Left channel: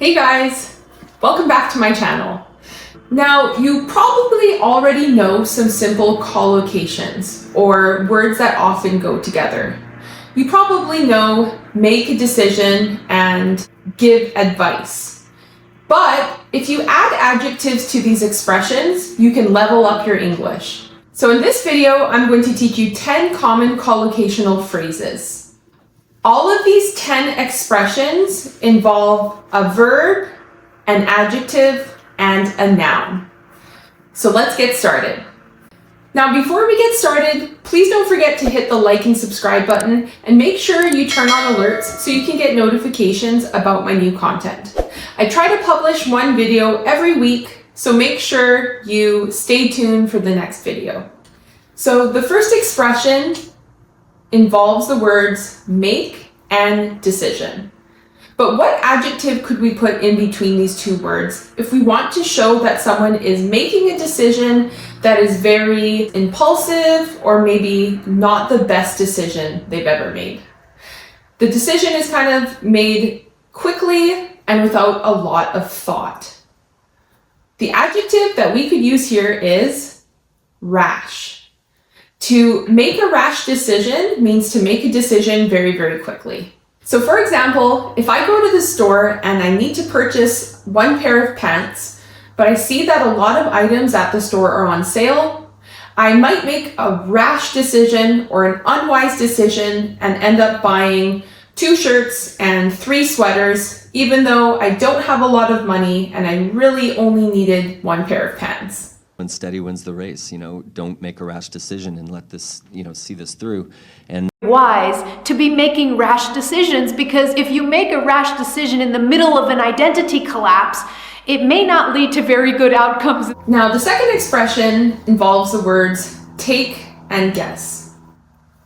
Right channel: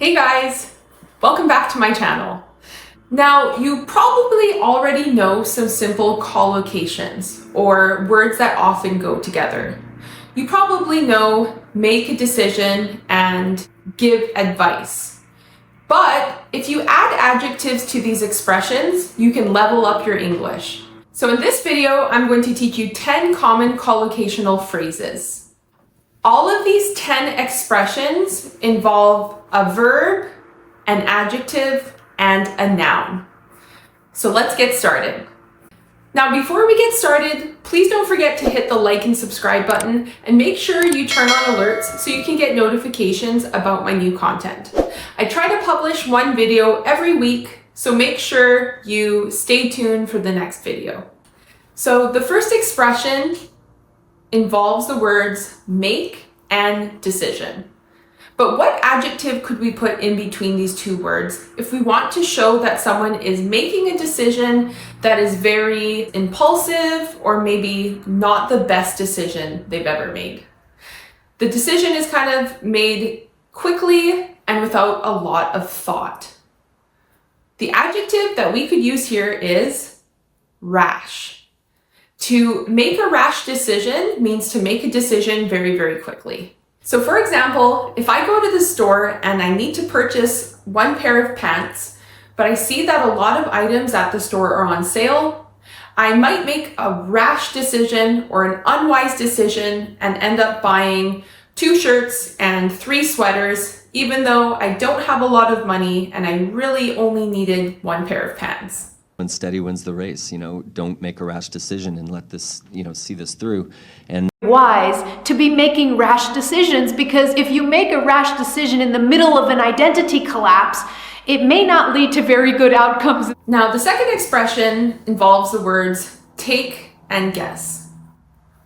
Hey guys, welcome back to my channel. Now, you probably already know some simple collocations, or words that often go together. You probably know make a decision and give advice. But if you add adjectives to these expressions, you can level up your English. So in this video, I'm going to teach you 10 common collocational phrases. All of these 10 expressions involve a verb, an adjective, and a noun. So let's get started. Now, before we get started, please don't forget to hit the like and subscribe button and make sure you turn on alerts so you can get notifications about my new content. I try to publish one video every week, so make sure you stay tuned for the next video. So the first expression involves the words make and decision. But what adjective could we put in between these two words if we want to show that someone is making a decision that is very impulsive or maybe not the best decision they've ever made? The decision is kind of made quickly and without a lot of thought. The adjective that we could use here is rash. To make a rash decision means to make a decision very, very quickly. So for example, if I go to the store and I need to purchase one pair of pants, but I see that a lot of items at the store are on sale, I might make a rash decision or an unwise decision and end up buying 2 shirts and 3 sweaters, even though I don't have a lot of money and I really only needed 1 pair of pants. When steady wins the race, don't make a rash decision and let this, see this through. And wise to be making rash decisions, because if you make a rash decision in the middle of an identity collapse, it may not lead to very good outcomes. Now, the second expression involves the words take and guess.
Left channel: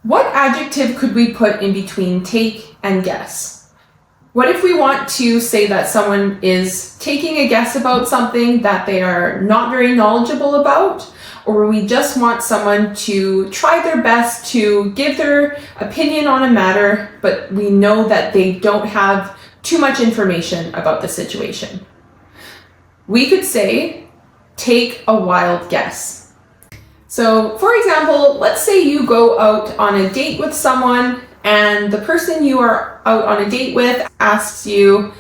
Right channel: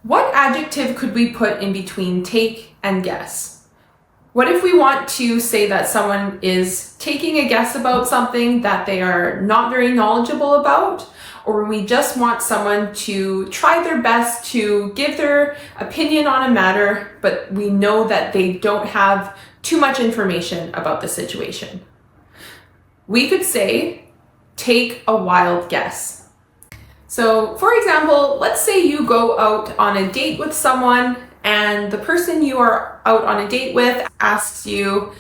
What adjective could we put in between take and guess? What if we want to say that someone is taking a guess about something that they are not very knowledgeable about, or we just want someone to try their best to give their opinion on a matter, but we know that they don't have too much information about the situation? We could say, take a wild guess. So, for example, let's say you go out on a date with someone and the person you are out on a date with asks you,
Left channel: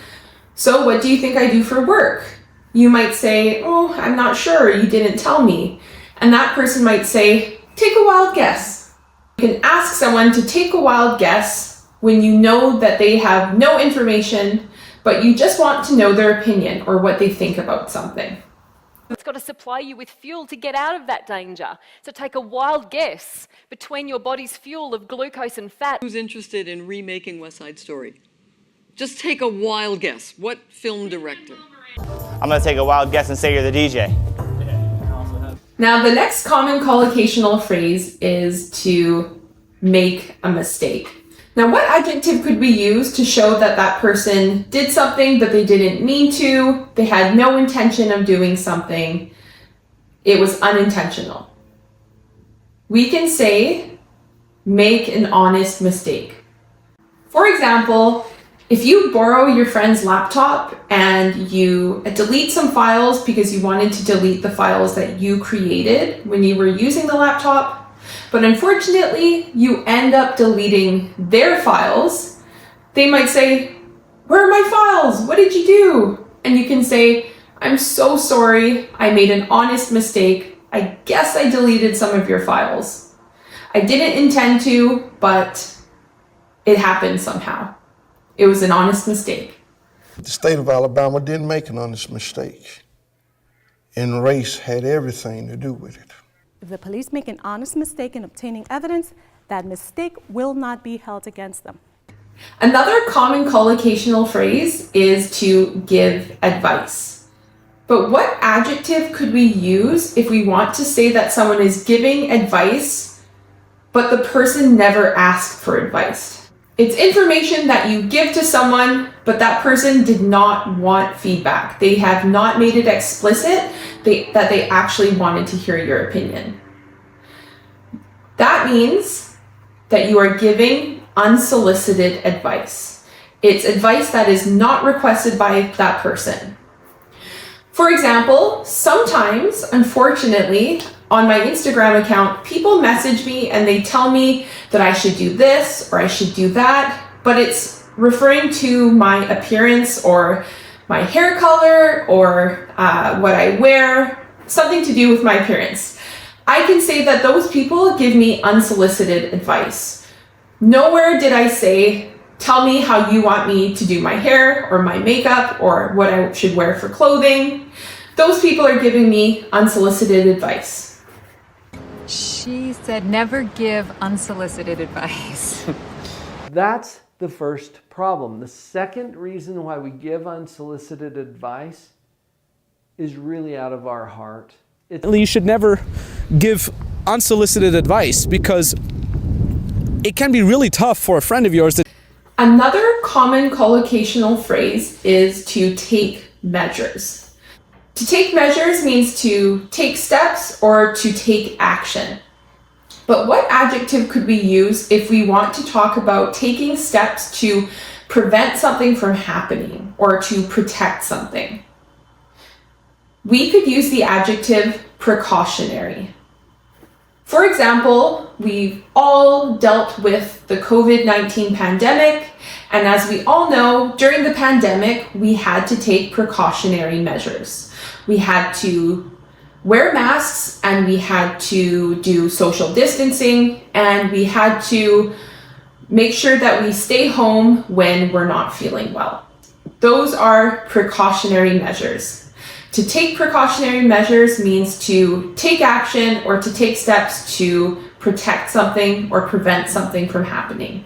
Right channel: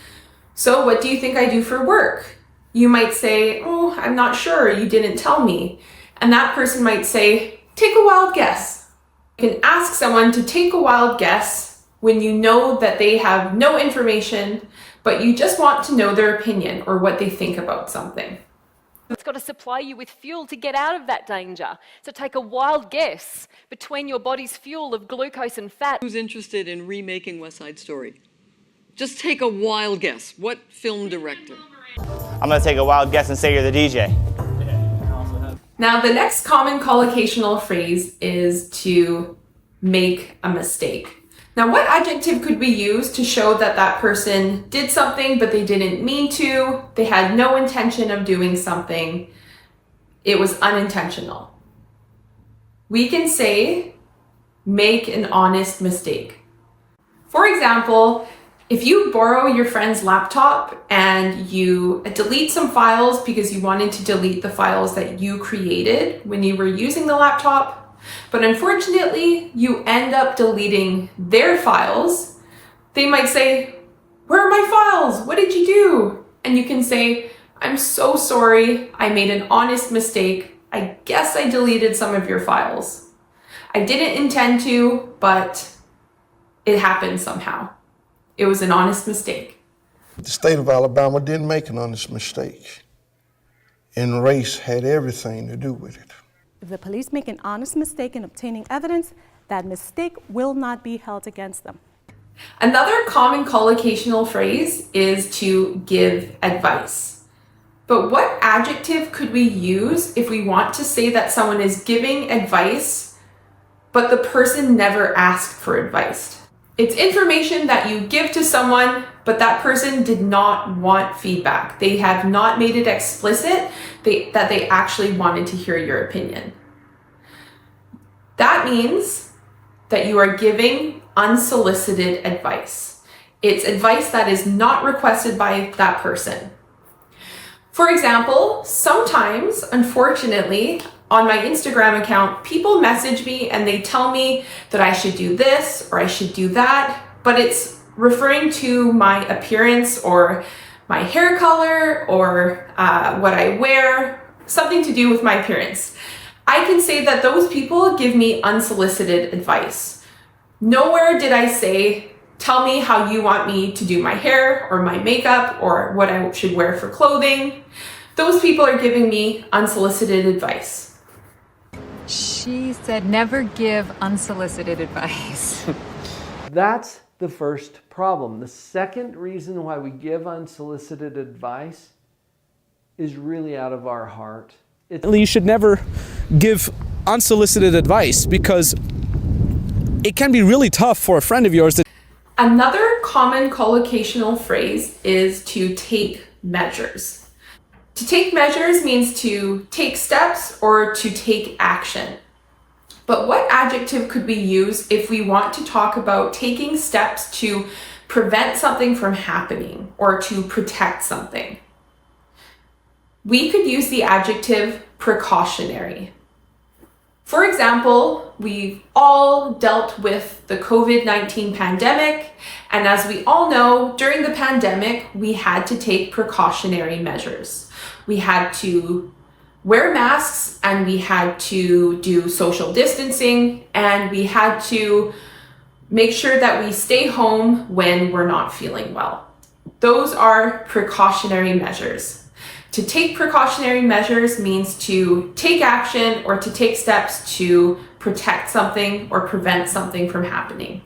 so what do you think I do for work? You might say, oh, I'm not sure, you didn't tell me. And that person might say, take a wild guess. You can ask someone to take a wild guess when you know that they have no information, but you just want to know their opinion or what they think about something. It's got to supply you with fuel to get out of that danger. So take a wild guess between your body's fuel of glucose and fat. Who's interested in remaking West Side Story? Just take a wild guess. What film director? I'm gonna take a wild guess and say you're the DJ. Now, the next common collocational phrase is to make a mistake. Now, what adjective could we use to show that that person did something but they didn't mean to, they had no intention of doing something, it was unintentional? We can say, make an honest mistake. For example, if you borrow your friend's laptop and you delete some files because you wanted to delete the files that you created when you were using the laptop, but unfortunately, you end up deleting their files, they might say, where are my files? What did you do? And you can say, I'm so sorry, I made an honest mistake. I guess I deleted some of your files. I didn't intend to, but it happened somehow. It was an honest mistake. The state of Alabama didn't make an honest mistake, and race had everything to do with it. If the police make an honest mistake in obtaining evidence, that mistake will not be held against them. Another common collocational phrase is to give advice. But what adjective could we use if we want to say that someone is giving advice, but the person never asked for advice? It's information that you give to someone, but that person did not want feedback. They have not made it explicit that they actually wanted to hear your opinion. That means that you are giving unsolicited advice. It's advice that is not requested by that person. For example, sometimes, unfortunately, on my Instagram account, people message me and they tell me that I should do this or I should do that, but it's referring to my appearance or my hair color or what I wear, something to do with my appearance. I can say that those people give me unsolicited advice. Nowhere did I say, tell me how you want me to do my hair or my makeup or what I should wear for clothing. Those people are giving me unsolicited advice. She said never give unsolicited advice. That's the first problem. The second reason why we give unsolicited advice is really out of our heart. You should never give unsolicited advice because it can be really tough for a friend of yours. Another common collocational phrase is to take measures. To take measures means to take steps or to take action. But what adjective could we use if we want to talk about taking steps to prevent something from happening or to protect something? We could use the adjective precautionary. For example, we've all dealt with the COVID-19 pandemic, and as we all know, during the pandemic, we had to take precautionary measures. We had to wear masks, and we had to do social distancing, and we had to make sure that we stay home when we're not feeling well. Those are precautionary measures. To take precautionary measures means to take action or to take steps to protect something or prevent something from happening.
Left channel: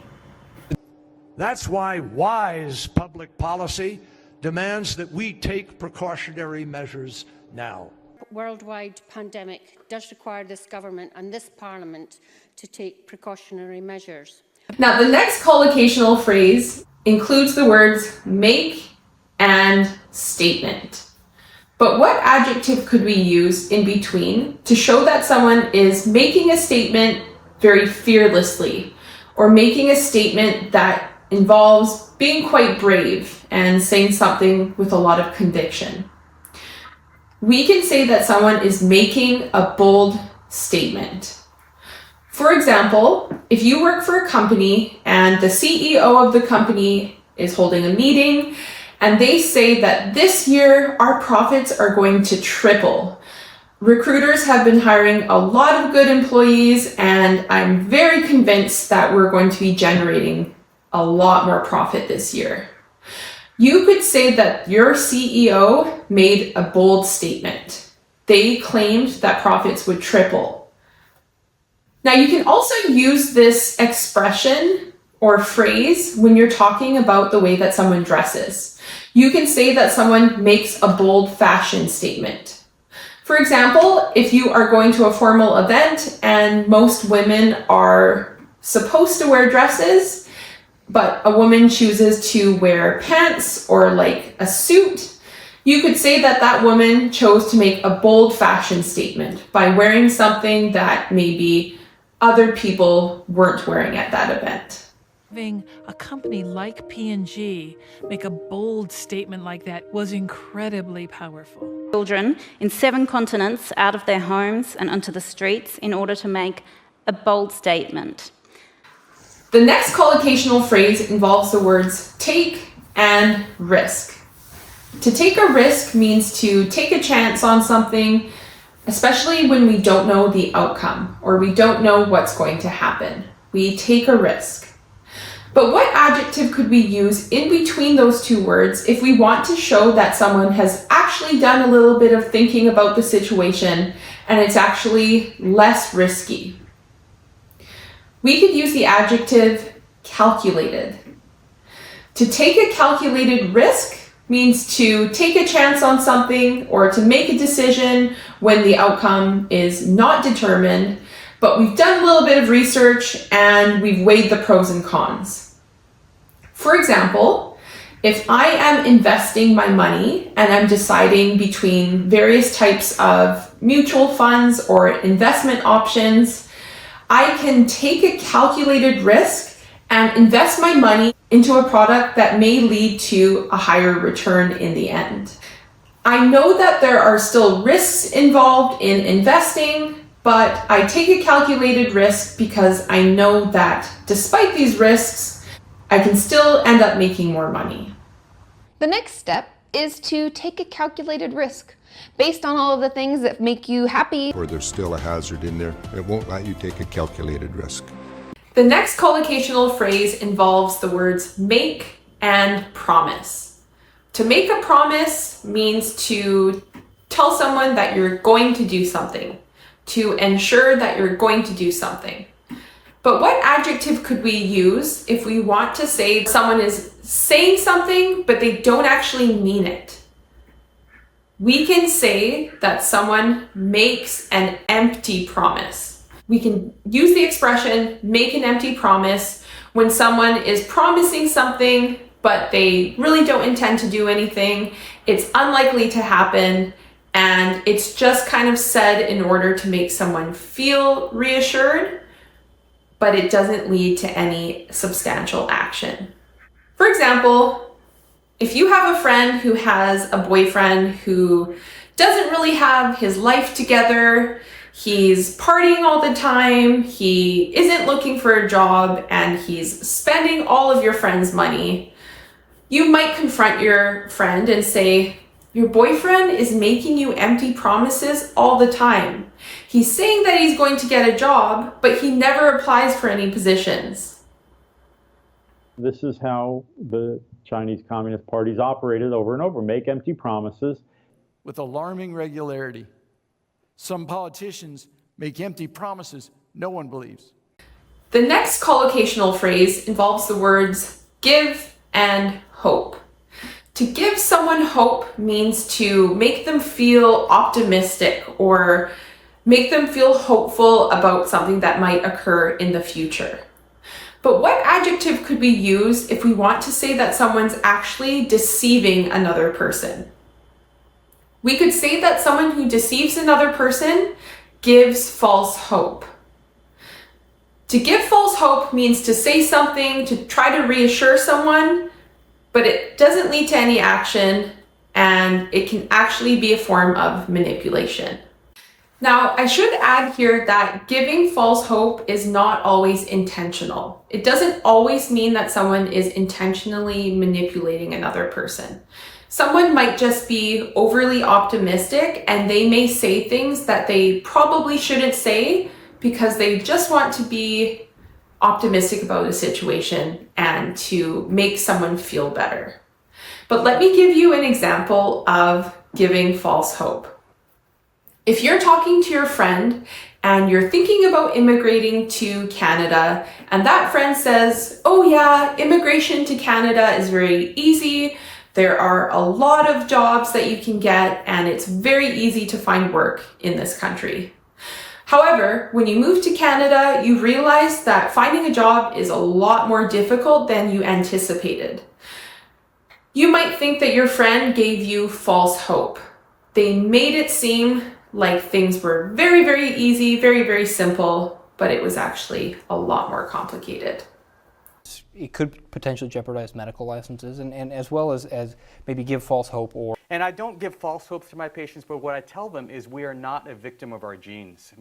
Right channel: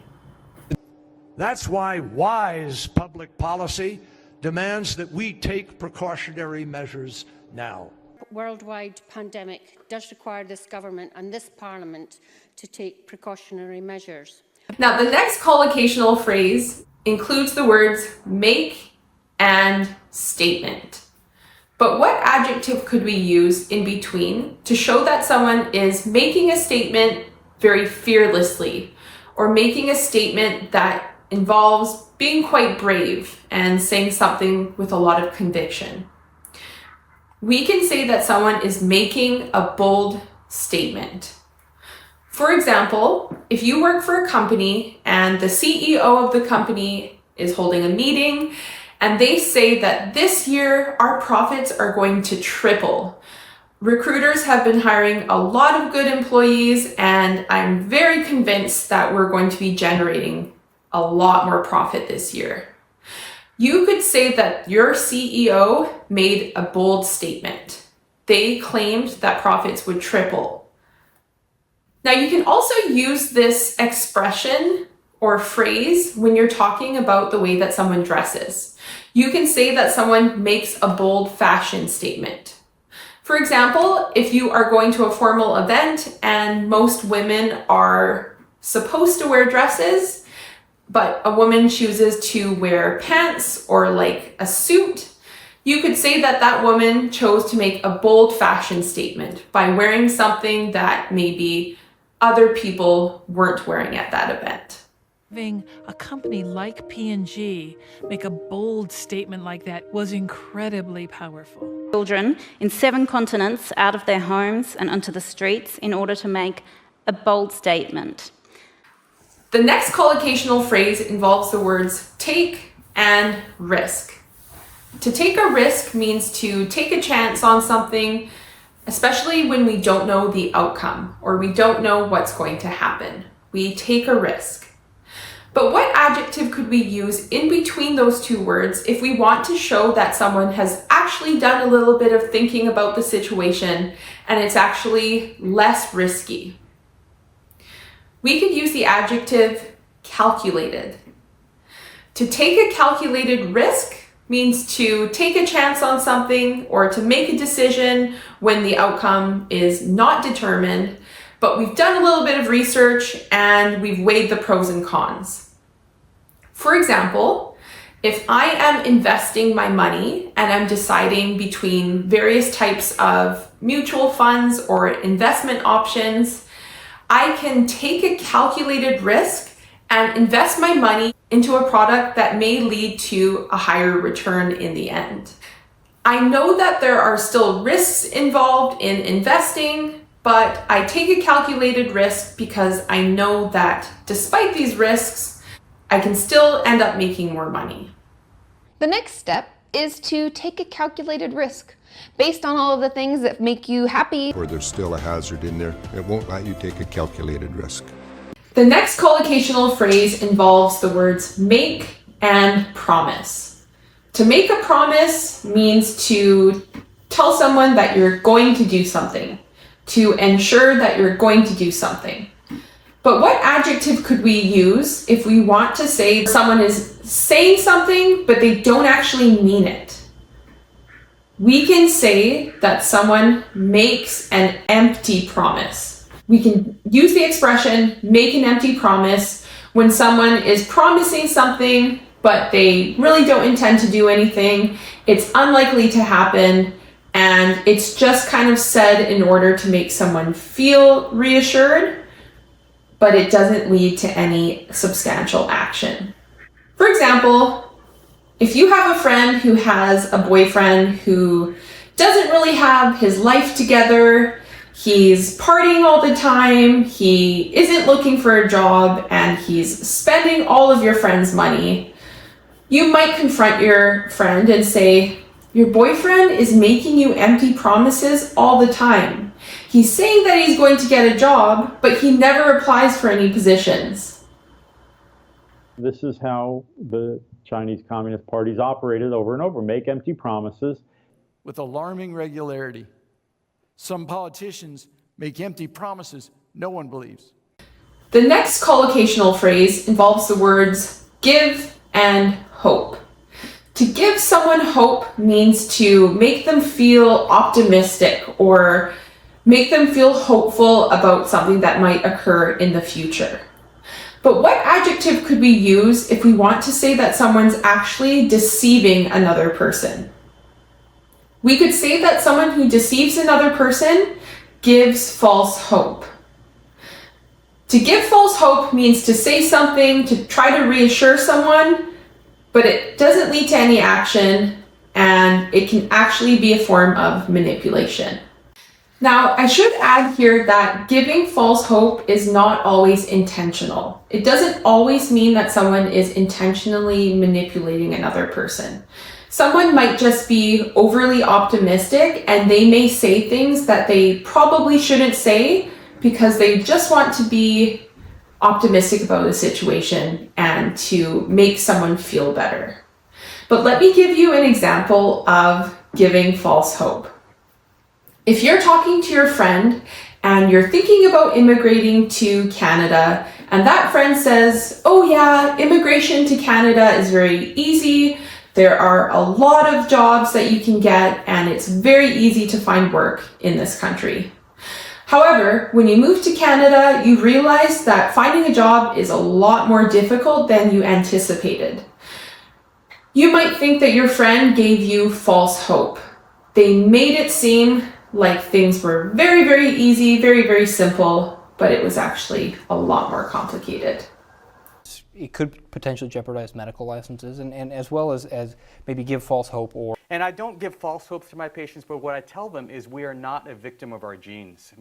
That's why wise public policy demands that we take precautionary measures now. Worldwide pandemic does require this government and this parliament to take precautionary measures. Now, the next collocational phrase includes the words make and statement. But what adjective could we use in between to show that someone is making a statement very fearlessly or making a statement that involves being quite brave and saying something with a lot of conviction? We can say that someone is making a bold statement. For example, if you work for a company and the CEO of the company is holding a meeting and they say that this year our profits are going to triple. Recruiters have been hiring a lot of good employees and I'm very convinced that we're going to be generating a lot more profit this year. You could say that your CEO made a bold statement. They claimed that profits would triple. Now, you can also use this expression or phrase when you're talking about the way that someone dresses. You can say that someone makes a bold fashion statement. For example, if you are going to a formal event and most women are supposed to wear dresses, but a woman chooses to wear pants or like a suit, you could say that that woman chose to make a bold fashion statement by wearing something that maybe other people weren't wearing at that event. Having a company like P&G make a bold statement like that was incredibly powerful. Children in 7 continents out of their homes and onto the streets in order to make a bold statement. The next collocational phrase involves the words take and risk. To take a risk means to take a chance on something, especially when we don't know the outcome or we don't know what's going to happen. We take a risk. But what adjective could we use in between those two words if we want to show that someone has actually done a little bit of thinking about the situation and it's actually less risky? We could use the adjective calculated. To take a calculated risk means to take a chance on something or to make a decision when the outcome is not determined, but we've done a little bit of research and we've weighed the pros and cons. For example, if I am investing my money and I'm deciding between various types of mutual funds or investment options, I can take a calculated risk and invest my money into a product that may lead to a higher return in the end. I know that there are still risks involved in investing, but I take a calculated risk because I know that despite these risks, I can still end up making more money. The next step is to take a calculated risk based on all of the things that make you happy. Or there's still a hazard in there. It won't let you take a calculated risk. The next collocational phrase involves the words make and promise. To make a promise means to tell someone that you're going to do something, to ensure that you're going to do something. But what adjective could we use if we want to say someone is saying something, but they don't actually mean it? We can say that someone makes an empty promise. We can use the expression make an empty promise when someone is promising something, but they really don't intend to do anything. It's unlikely to happen, and it's just kind of said in order to make someone feel reassured, but it doesn't lead to any substantial action. For example, if you have a friend who has a boyfriend who doesn't really have his life together, he's partying all the time, he isn't looking for a job, and he's spending all of your friend's money, you might confront your friend and say, your boyfriend is making you empty promises all the time. He's saying that he's going to get a job, but he never applies for any positions. This is how the Chinese Communist parties operated over and over, make empty promises. With alarming regularity, some politicians make empty promises no one believes. The next collocational phrase involves the words give and hope. To give someone hope means to make them feel optimistic or make them feel hopeful about something that might occur in the future. But what adjective could we use if we want to say that someone's actually deceiving another person? We could say that someone who deceives another person gives false hope. To give false hope means to say something to try to reassure someone, but it doesn't lead to any action, and it can actually be a form of manipulation. Now, I should add here that giving false hope is not always intentional. It doesn't always mean that someone is intentionally manipulating another person. Someone might just be overly optimistic and they may say things that they probably shouldn't say because they just want to be optimistic about a situation and to make someone feel better. But let me give you an example of giving false hope. If you're talking to your friend and you're thinking about immigrating to Canada, and that friend says, oh yeah, immigration to Canada is very easy. There are a lot of jobs that you can get, and it's very easy to find work in this country. However, when you move to Canada, you realize that finding a job is a lot more difficult than you anticipated. You might think that your friend gave you false hope. They made it seem like things were very, very easy, very, very simple, but it was actually a lot more complicated. It could potentially jeopardize medical licenses and as well as maybe give false hope or... And I don't give false hope to my patients, but what I tell them is we are not a victim of our genes.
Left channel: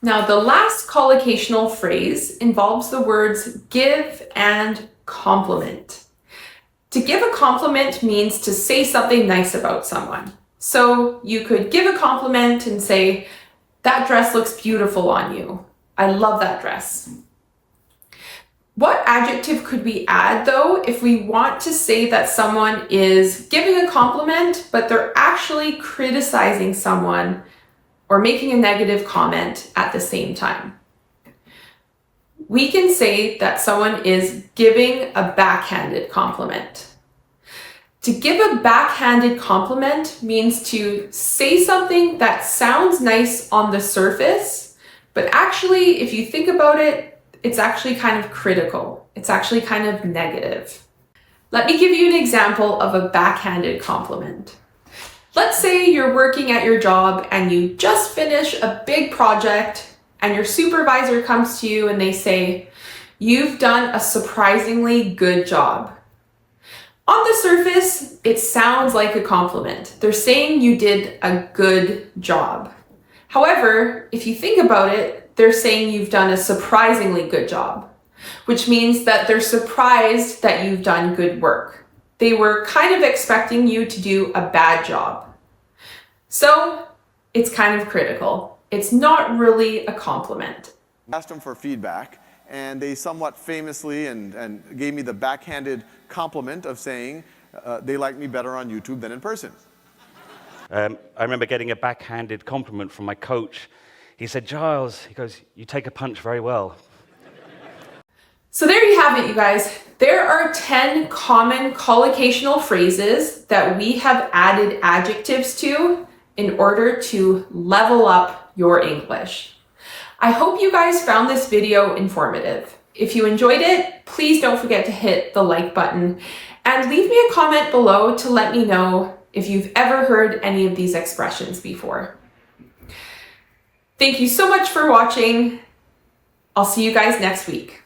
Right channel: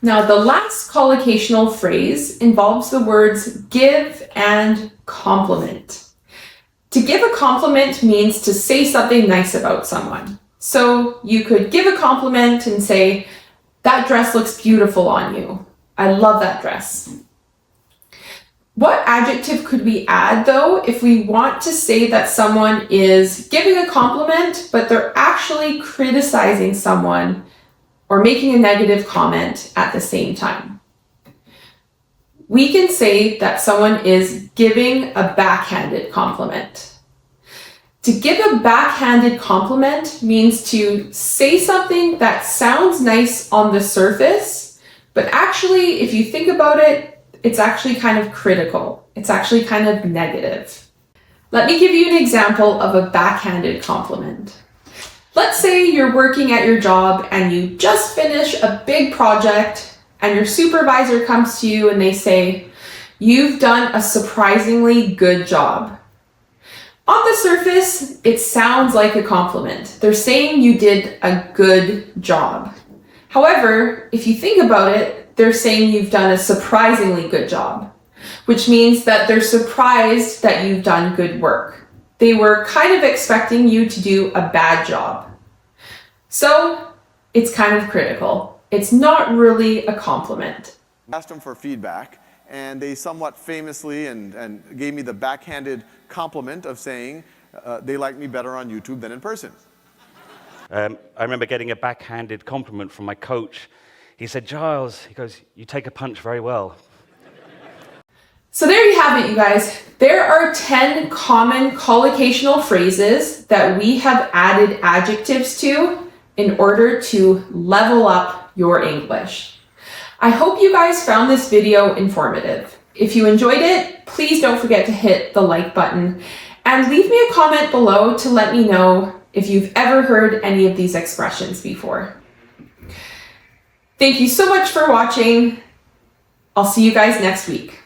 Now, the last collocational phrase involves the words give and compliment. To give a compliment means to say something nice about someone. So you could give a compliment and say, that dress looks beautiful on you. I love that dress. What adjective could we add though if we want to say that someone is giving a compliment, but they're actually criticizing someone or making a negative comment at the same time? We can say that someone is giving a backhanded compliment. To give a backhanded compliment means to say something that sounds nice on the surface, but actually, if you think about it, it's actually kind of critical. It's actually kind of negative. Let me give you an example of a backhanded compliment. Let's say you're working at your job and you just finished a big project and your supervisor comes to you and they say, You've done a surprisingly good job. On the surface, it sounds like a compliment. They're saying you did a good job. However, if you think about it, they're saying you've done a surprisingly good job, which means that they're surprised that you've done good work. They were kind of expecting you to do a bad job. So it's kind of critical. It's not really a compliment. I asked them for feedback, and they somewhat famously and gave me the backhanded compliment of saying they like me better on YouTube than in person. I remember getting a backhanded compliment from my coach. He said, Giles, he goes, you take a punch very well. So there you have it, you guys. There are 10 common collocational phrases that we have added adjectives to in order to level up your English. I hope you guys found this video informative. If you enjoyed it, please don't forget to hit the like button and leave me a comment below to let me know if you've ever heard any of these expressions before. Thank you so much for watching. I'll see you guys next week.